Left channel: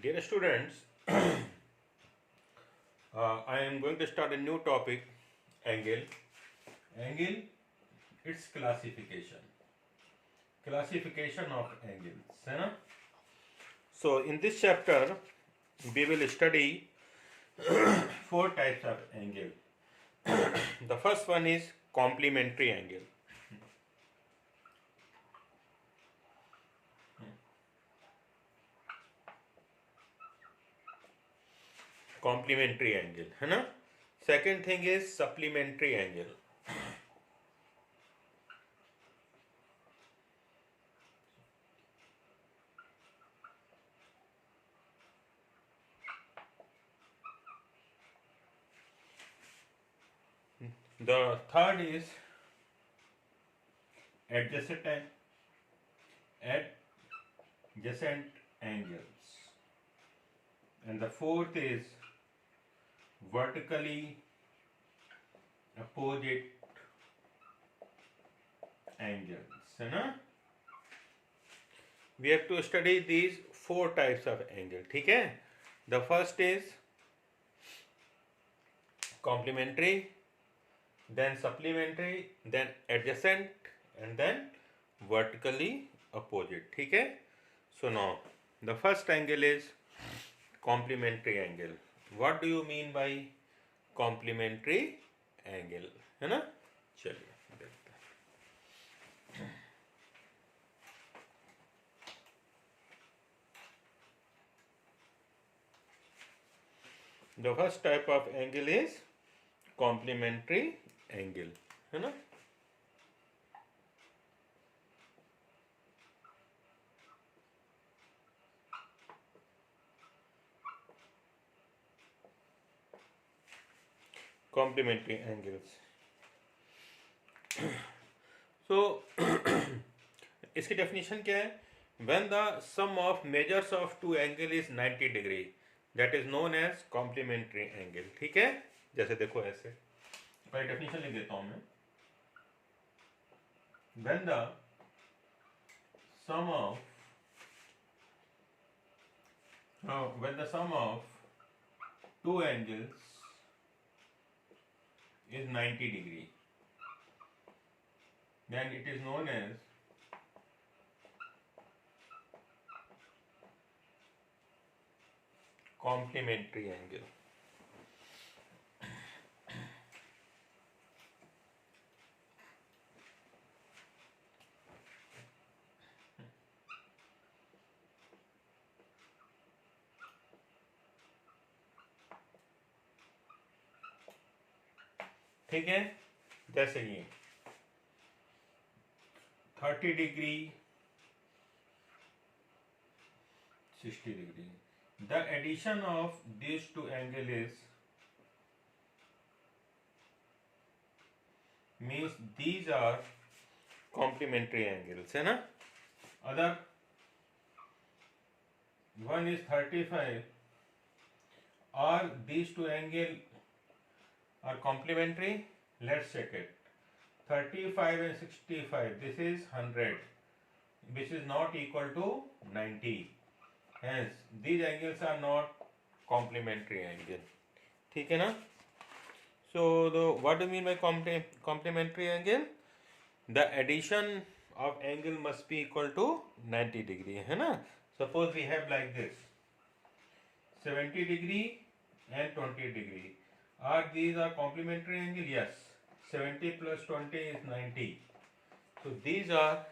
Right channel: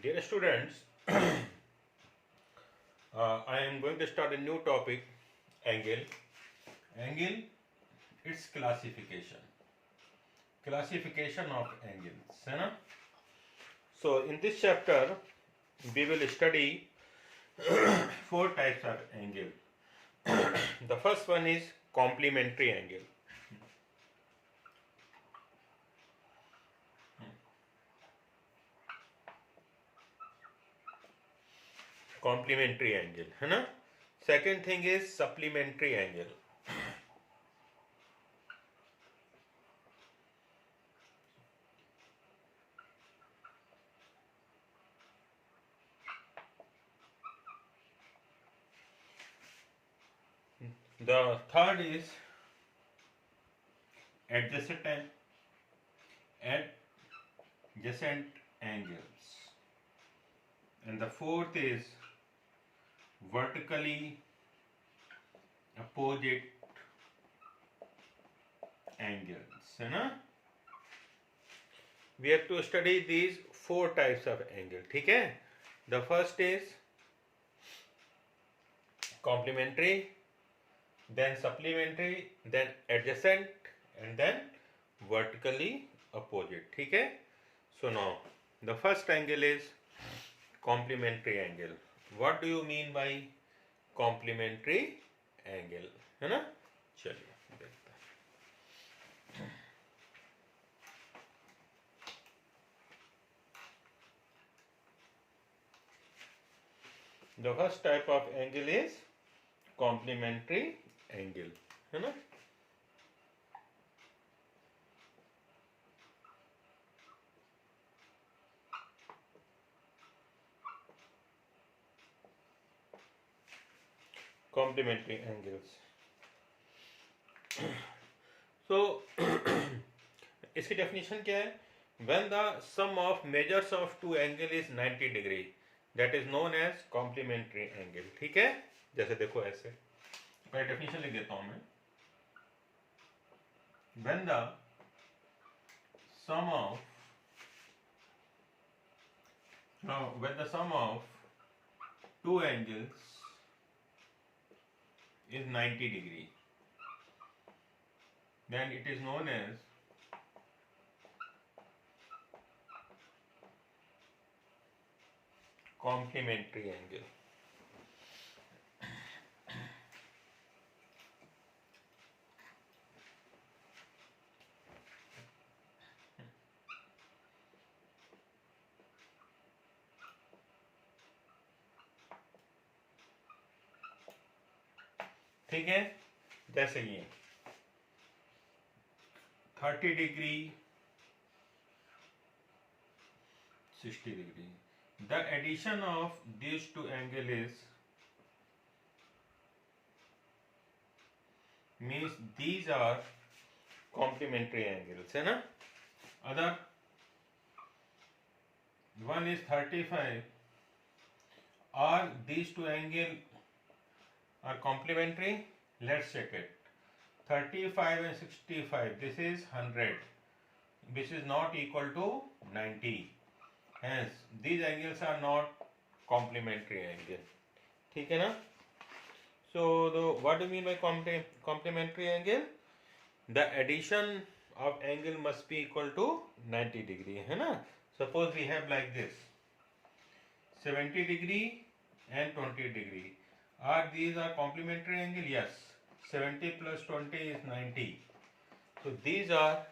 Dear students, I am going to start a new topic, angle. Angle, its classification of angles, है ना? So in this chapter, we will study four types of angle. The first one is complementary angle. Complementary angle, है ना? Second thing is supplementary angle. The third is adjacent adjacent angles, and the fourth is vertically opposite angles, है ना? We have to study these four types of angle. ठीक है? The first is complementary, then supplementary, then adjacent, and then vertically opposite. ठीक है? So now the first angle is complementary angle. What do you mean by complementary angle? है ना? चलिए देखते हैं. The first type of angle is complementary angle, है ना? Complementary angles. So इसकी definition क्या है? When the sum of measures of two angle is 90 degree, that is known as complementary angle. ठीक है? जैसे देखो ऐसे, पहले definition लिख देता हूँ मैं. When the sum of two angles is 90 degree, then it is known as complementary angle. ठीक है? जैसे ये 30 degree 60 degree. The addition of these two angles is means these are complementary angles, है ना? Other one is 35. Are these two angles are complementary? Let's check it. 35 and 65. This is 100. This is not equal to 90. Hence, these angles are not complementary angle. ठीक है ना? So, what do you mean by complementary angle? The addition of angle must be equal to 90 degree, है ना? Suppose we have like this, 70 degree and 20 degree. These are complementary angle? Yes. 70 plus 20 is 90. So these are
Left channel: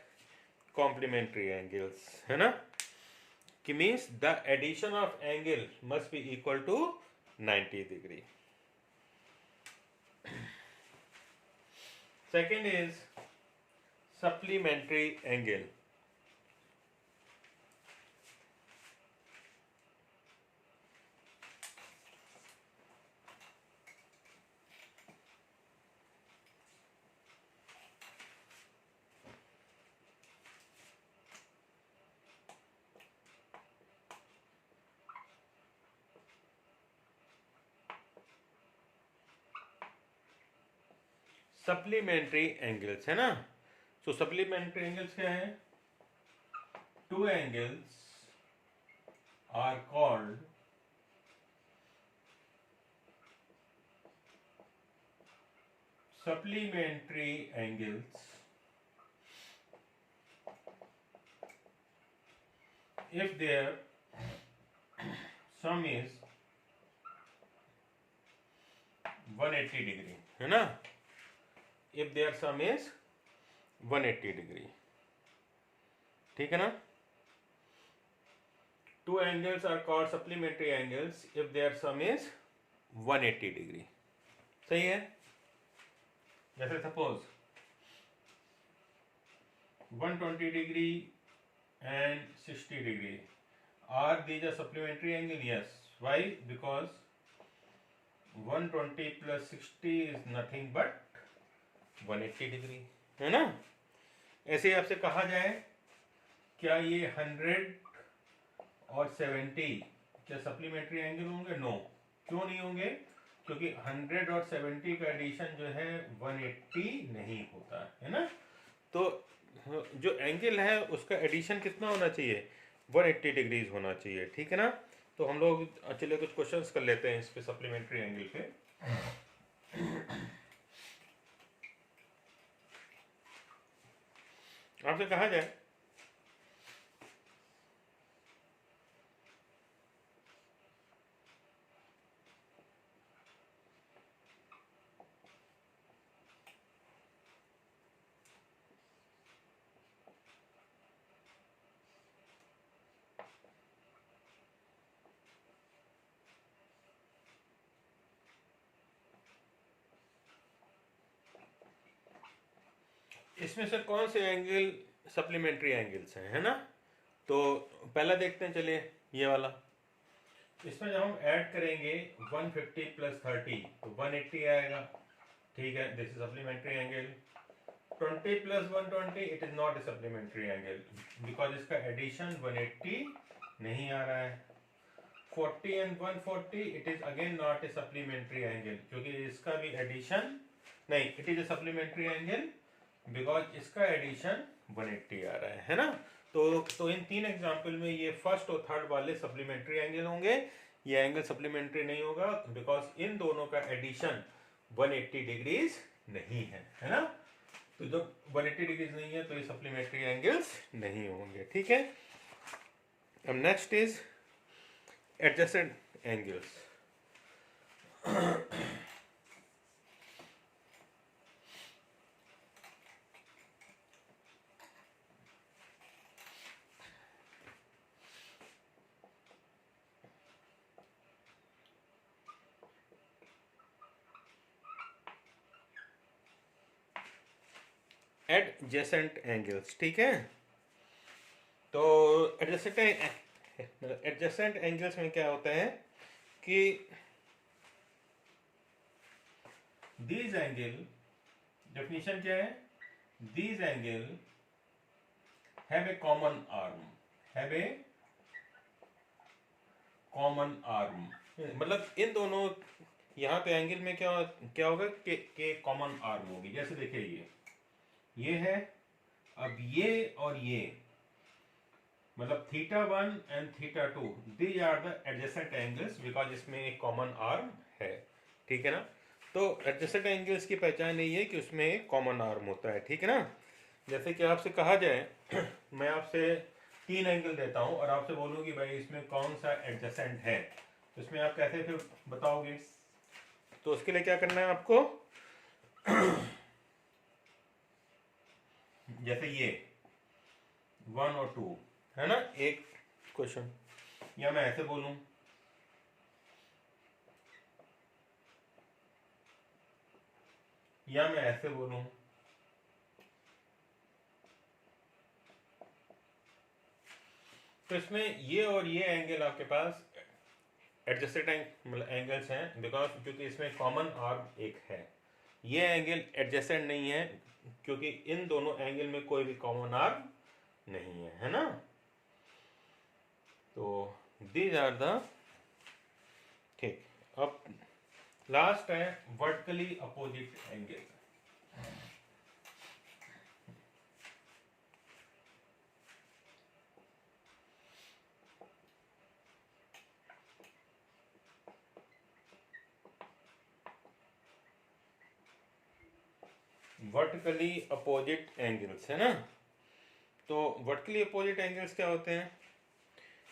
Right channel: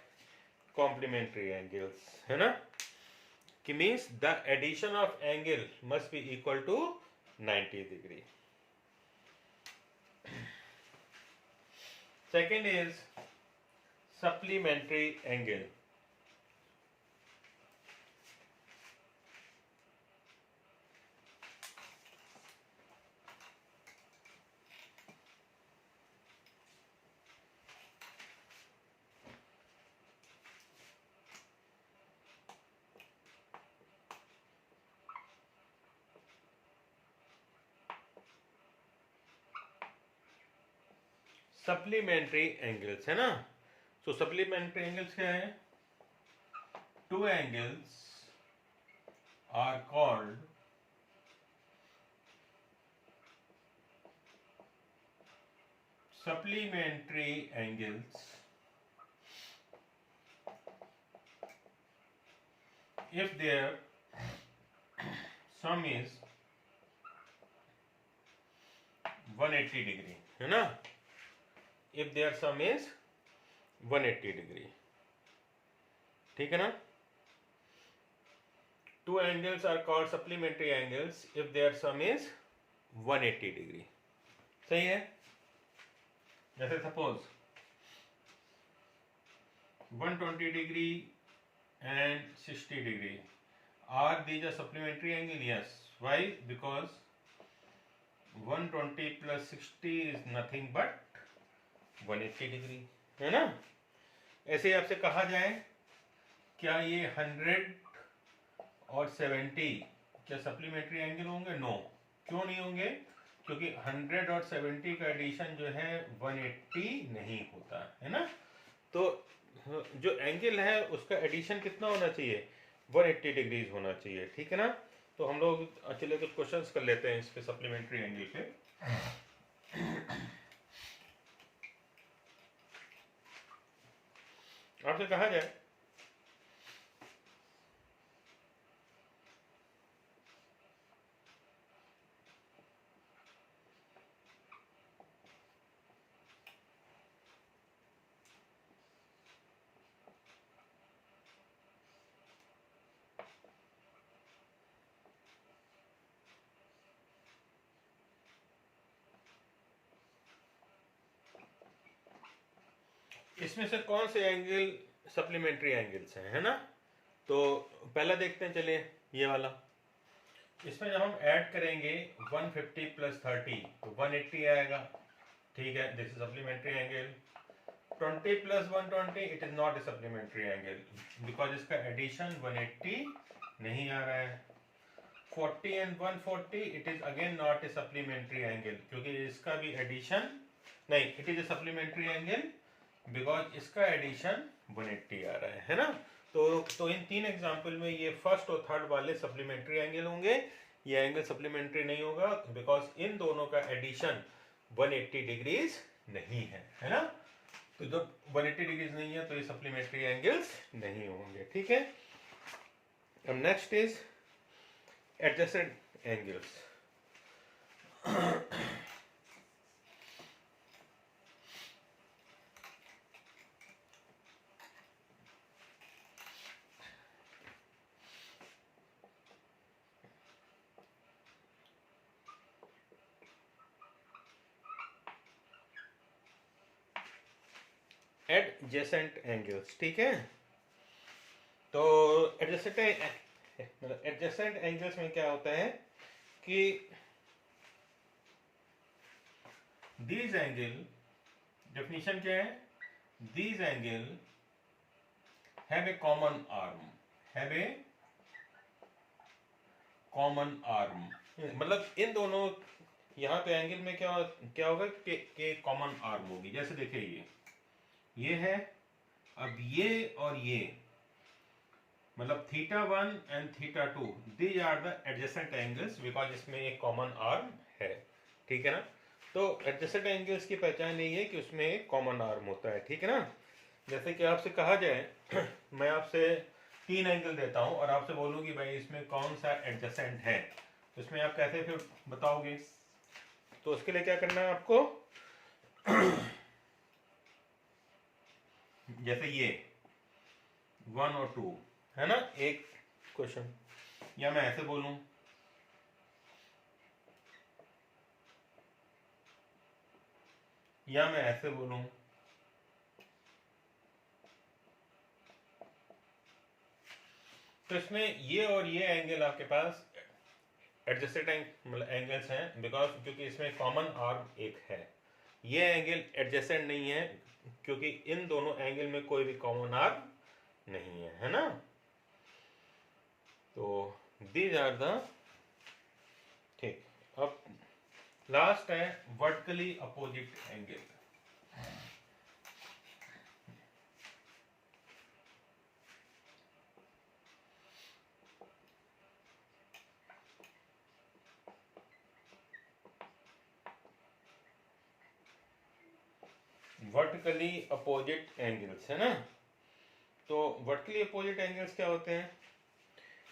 complementary angles, है ना? It means the addition of angle must be equal to 90 degree. Second is supplementary angle. Supplementary angles, है ना? सो supplementary angles क्या है? Two angles are called supplementary angles if their sum is 180 degree, है ना? If their sum is 180 degree, ठीक है ना? Two angles are called supplementary angles if their sum is 180 degree. सही है? जैसे suppose 120 degree and 60 degree. Are these a supplementary angle? Yes. Why? Because 120 plus 60 is nothing but 180 degree, है ना? ऐसे ही आपसे कहा जाए क्या ये 100 और 70 क्या सप्लीमेंट्री एंगल होंगे? नो। क्यों नहीं होंगे? क्योंकि 100 और 70 का एडिशन जो है 180 नहीं होता, है ना? तो जो एंगल है उसका एडिशन कितना होना चाहिए? 180 डिग्रीज होना चाहिए, ठीक है ना? तो हम लोग चलिए कुछ क्वेश्चंस कर लेते हैं इस पे सप्लीमेंट्री एंगल पे। आपसे कहा जाए इसमें से कौन से एंगल सप्लीमेंट्री एंगल्स हैं, है ना? तो पहला देखते हैं, चलिए ये वाला। इसमें जब हम ऐड करेंगे 150 प्लस 30 तो 180 आएगा, ठीक है? This is supplementary angle. 20 plus 120 it is not a supplementary angle because इसका एडिशन 180 नहीं आ रहा है। 40 and 140 it is again not a supplementary angle क्योंकि इसका भी एडिशन नहीं, it is a supplementary angle because इसका एडिशन 180 आ रहा है ना? तो इन तीन एग्जाम्पल में ये फर्स्ट और थर्ड वाले सप्लीमेंट्री एंगल होंगे, ये एंगल सप्लीमेंट्री नहीं होगा बिकॉज इन दोनों का एडिशन 180 डिग्रीज नहीं है ना? तो जब 180 डिग्रीज नहीं है तो ये सप्लीमेंट्री एंगल्स नहीं होंगे, ठीक है? अब next is adjusted angles. Adjacent angles, ठीक है? तो एडजेसेंट एंगल्स में क्या होता है कि दीज एंगल, डेफिनेशन क्या है? These angle have a common arm, have a common arm, मतलब इन दोनों यहाँ पे एंगल में क्या क्या होगा कि कॉमन आर्म होगी। जैसे देखिए ये है, अब ये और ये मतलब θ1 and θ2 these are the adjacent angles because इसमें एक कॉमन आर्म है, ठीक है ना? तो एडजेसेंट एंगल्स की पहचान यही है कि उसमें एक कॉमन आर्म होता है, ठीक है ना? जैसे कि आपसे कहा जाए मैं आपसे 3 एंगल देता हूं और आपसे बोलूं कि भाई इसमें कौन सा एडजेसेंट है, तो इसमें आप कैसे फिर बताओगे? तो उसके लिए क्या करना है आपको? जैसे ये 1 और 2 है ना, एक क्वेश्चन, या मैं ऐसे बोलूं या मैं ऐसे बोलूं, तो इसमें ये और ये एंगल आपके पास एडजस्टेड एंगल्स हैं बिकॉज क्योंकि इसमें कॉमन आर्म एक है। ये एंगल एडजेसेंट नहीं है क्योंकि इन दोनों एंगल में कोई भी कॉमन आर्म नहीं है ना? तो दीज आर द, ठीक। अब लास्ट है vertically opposite angle. Vertically opposite angles, है ना। तो वर्टिकली अपोजिट एंगल्स क्या होते हैं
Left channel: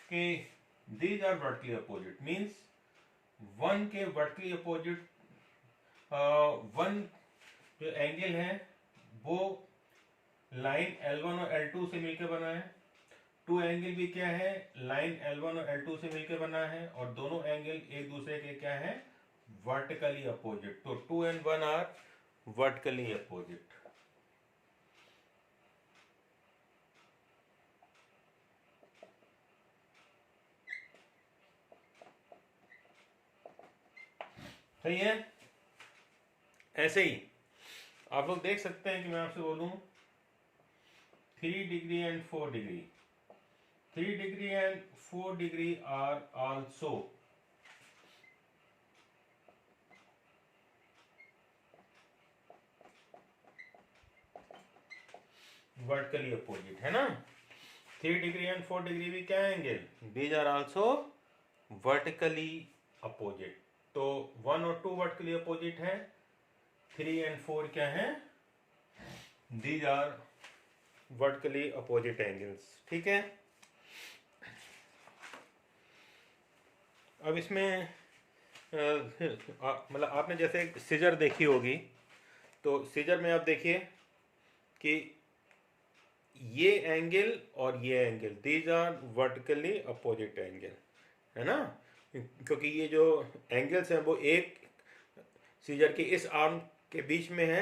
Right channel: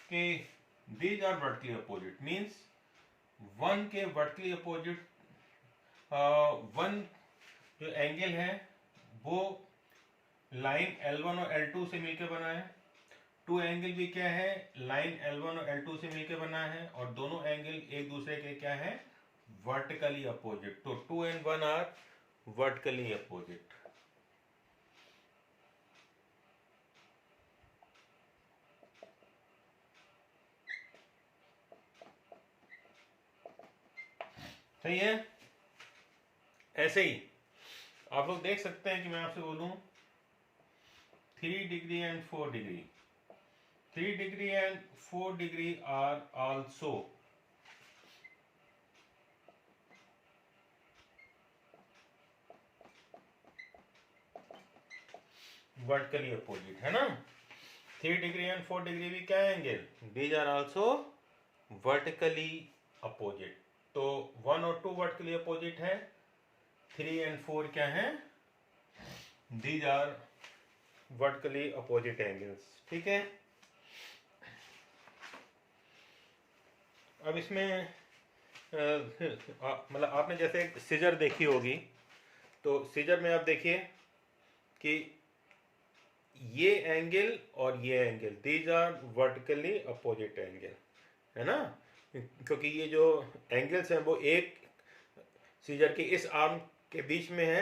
कि these are vertically opposite means one के वर्टिकली अपोजिट वन जो एंगल है वो लाइन L1 और L2 से मिलकर बना है। टू एंगल भी क्या है, लाइन L1 और L2 से मिलकर बना है, और दोनों एंगल एक दूसरे के क्या है, वर्टिकली अपोजिट। तो 2 and 1 आर वर्टिकली अपोजिट। सही है। ऐसे ही आप लोग देख सकते हैं कि मैं आपसे बोलूं 3 degree and 4 degree, 3 degree and 4 degree are also vertically opposite, है ना। 3 डिग्री एंड 4 डिग्री भी क्या है angle, these are also vertically opposite. तो 1 और 2 वर्टिकली अपोजिट है, 3 and 4 क्या है, these are vertically opposite angles. ठीक है। अब इसमें मतलब आपने जैसे सीजर देखी होगी, तो सीजर में आप देखिए कि ये एंगल और ये angle these are vertically opposite angle, है ना। क्योंकि ये जो एंगल्स हैं वो एक सीजर के इस आर्म के बीच में है,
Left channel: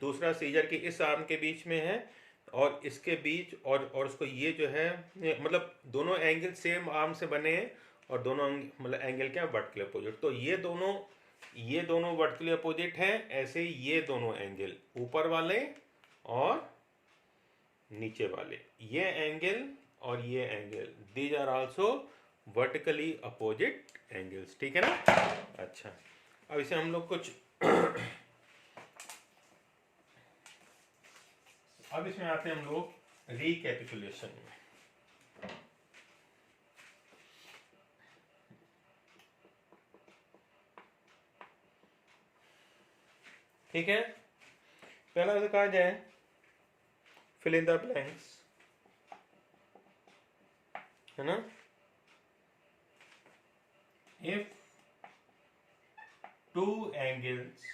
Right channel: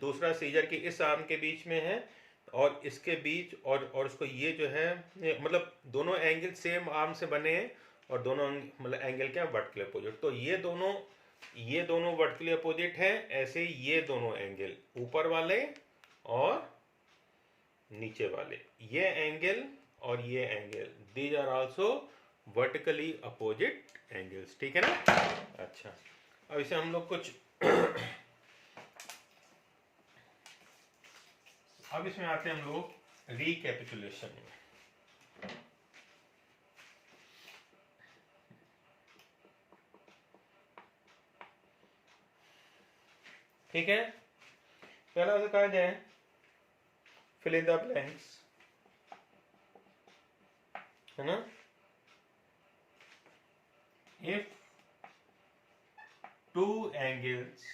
दूसरा सीजर के इस आर्म के बीच में है, और इसके बीच और उसको ये जो है मतलब दोनों एंगल सेम आर्म से बने हैं, और दोनों मतलब एंगल क्या वर्टिकली अपोजिट। तो ये दोनों वर्टिकली अपोजिट हैं। ऐसे ही ये दोनों एंगल ऊपर वाले और नीचे वाले, ये एंगल और ये angle, these are also vertically opposite angles. ठीक है ना। अच्छा, अब इसे हम लोग कुछ अब इसमें आते हैं हम लोग रिकैपिचुलेशन में। ठीक है। पहला से कहा जाए फिल इन द ब्लैंक्स, है ना। If two angles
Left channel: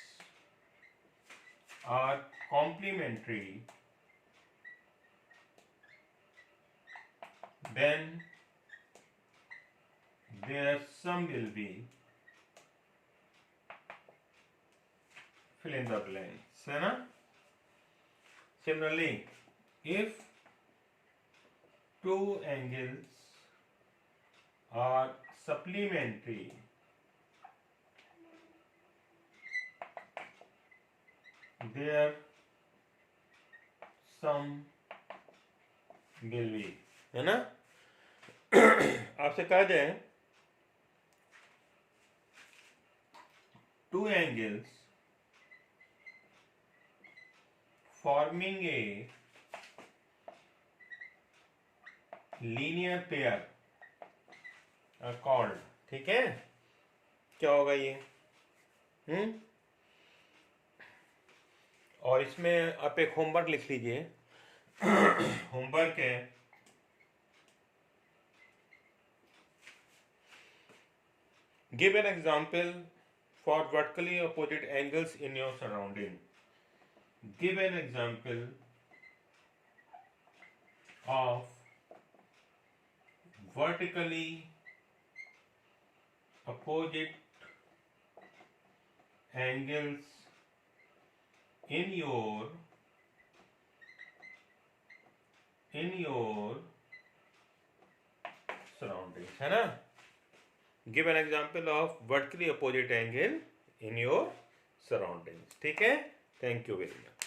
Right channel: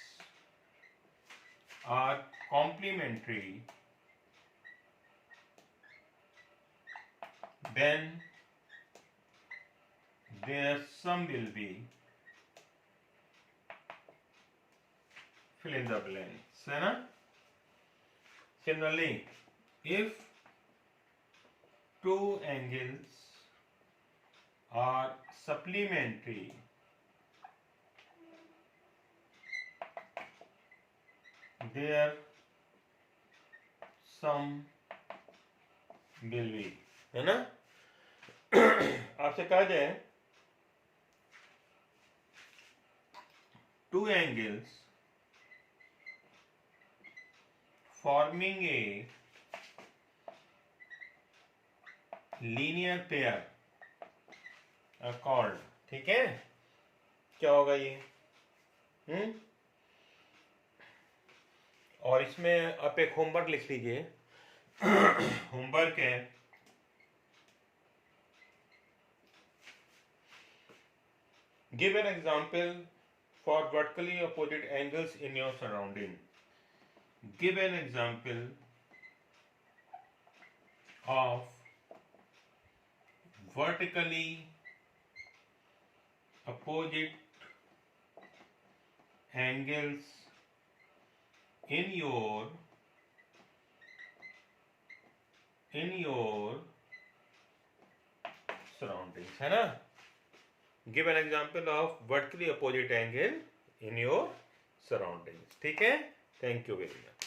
are complementary then their sum will be fill in the blanks, है ना। Similarly, if two angles are supplementary, their sum will be, है ना। आपसे कहा जाए two angles forming a linear pair are called, ठीक है। क्या होगा ये और इसमें आप एक होमवर्क लिख लीजिए। होमवर्क है give an example for vertically opposite angles in your surrounding. Give an example of vertically opposite angles in your surroundings, है ना। Give an example of vertically opposite angle in your surroundings. ठीक है। Thank you very much.